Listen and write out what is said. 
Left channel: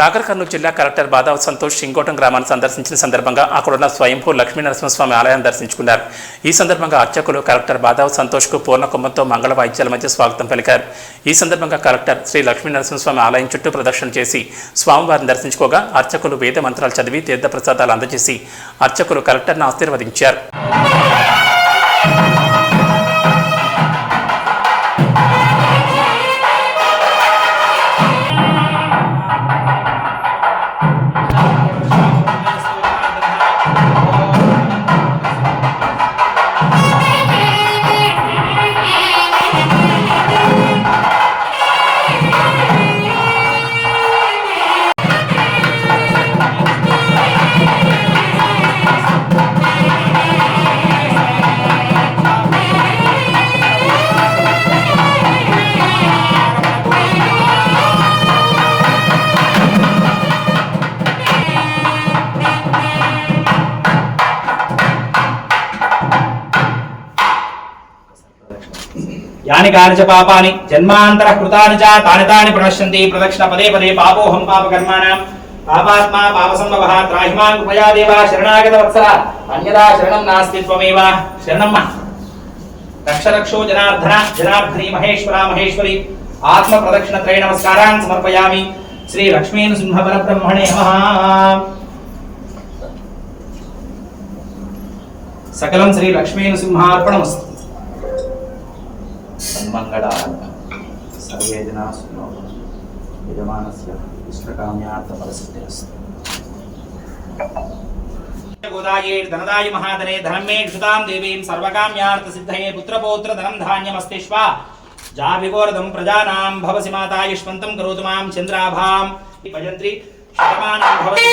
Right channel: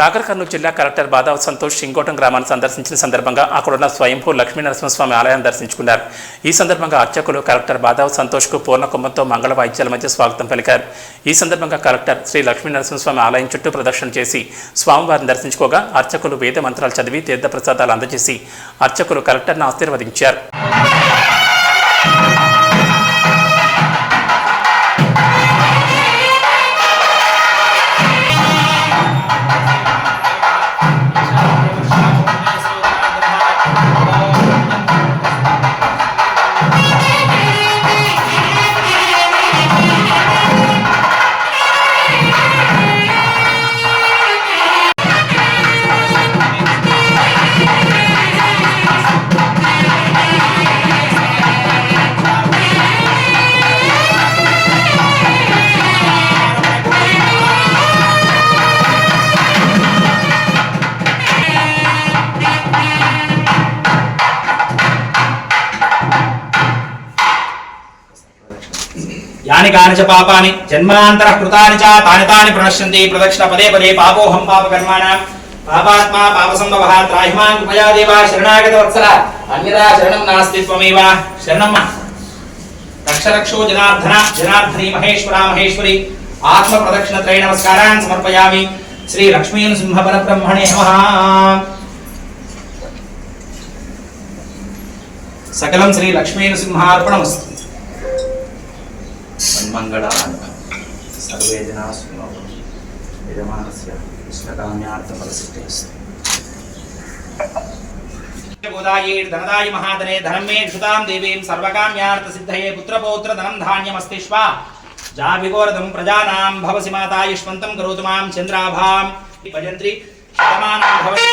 నాగర్ కర్నూలు జిల్లా కలెక్టర్ బాదావ్ సంతోష్ సింగోటం గ్రామాన్ని సందర్శించిన సందర్భంగా అక్కడున్న స్వయంభూ లక్ష్మీ నరసింహస్వామి ఆలయాన్ని దర్శించుకున్నారు. ఈ సందర్భంగా అర్చకులు కలెక్టర్ బాదావ్ సంతోష్కు పూర్ణ కుంభంతో మంగళ వాయిద్యాల మధ్య స్వాగతం పలికారు. ఈ సందర్భంగా కలెక్టర్ శ్రీ లక్ష్మీ నరసింహస్వామి ఆలయం చుట్టూ ప్రదక్షిణ చేసి స్వామివారిని దర్శించుకోగా అర్చకులు వేద మంత్రాలు చదివి తీర్థప్రసాదాలు అందజేసి అర్చకులు కలెక్టర్ను ఆశీర్వదించారు. यानि कानि च पापानि जन्मान्तरः कृतानि च तानि तानि प्रणश्यन्ति प्रदक्षिण पदे पदे पापोऽहं पापकर्माणां पापात्मा पापसम्भवः त्राहिमां कृपया देव शरणागत वत्सल अन्यदा शरणं नास्ति त्वमेव शरणं रक्ष रक्षो जनार्दन जनार्दनी महेश्वरा महेश्वरी आत्म प्रदक्षिण त्रय नमस्कारान् समर्पयामि. श्री लक्ष्मी नृसिंह परब्रह्मणे नमः. सकलं श्री लक्ष्मी नृसिंहार्पणमस्तु. सन्मंगलाय सर्वे जना सुखिनो यजमानस्य इष्टकाम्यार्थफलसिद्धिरस्तु. गोदाये धनदाय महाधने धनं मे क्षुतां देवीं सर्वकाम्यार्थसिद्धये पुत्रपौत्र धनं धान्यमस्तिष्वा जाभिगोरदं प्रजानां भवसि माता युष्मन्तं करोतु मां चन्द्राभां भजन्त्री शतमानं भवति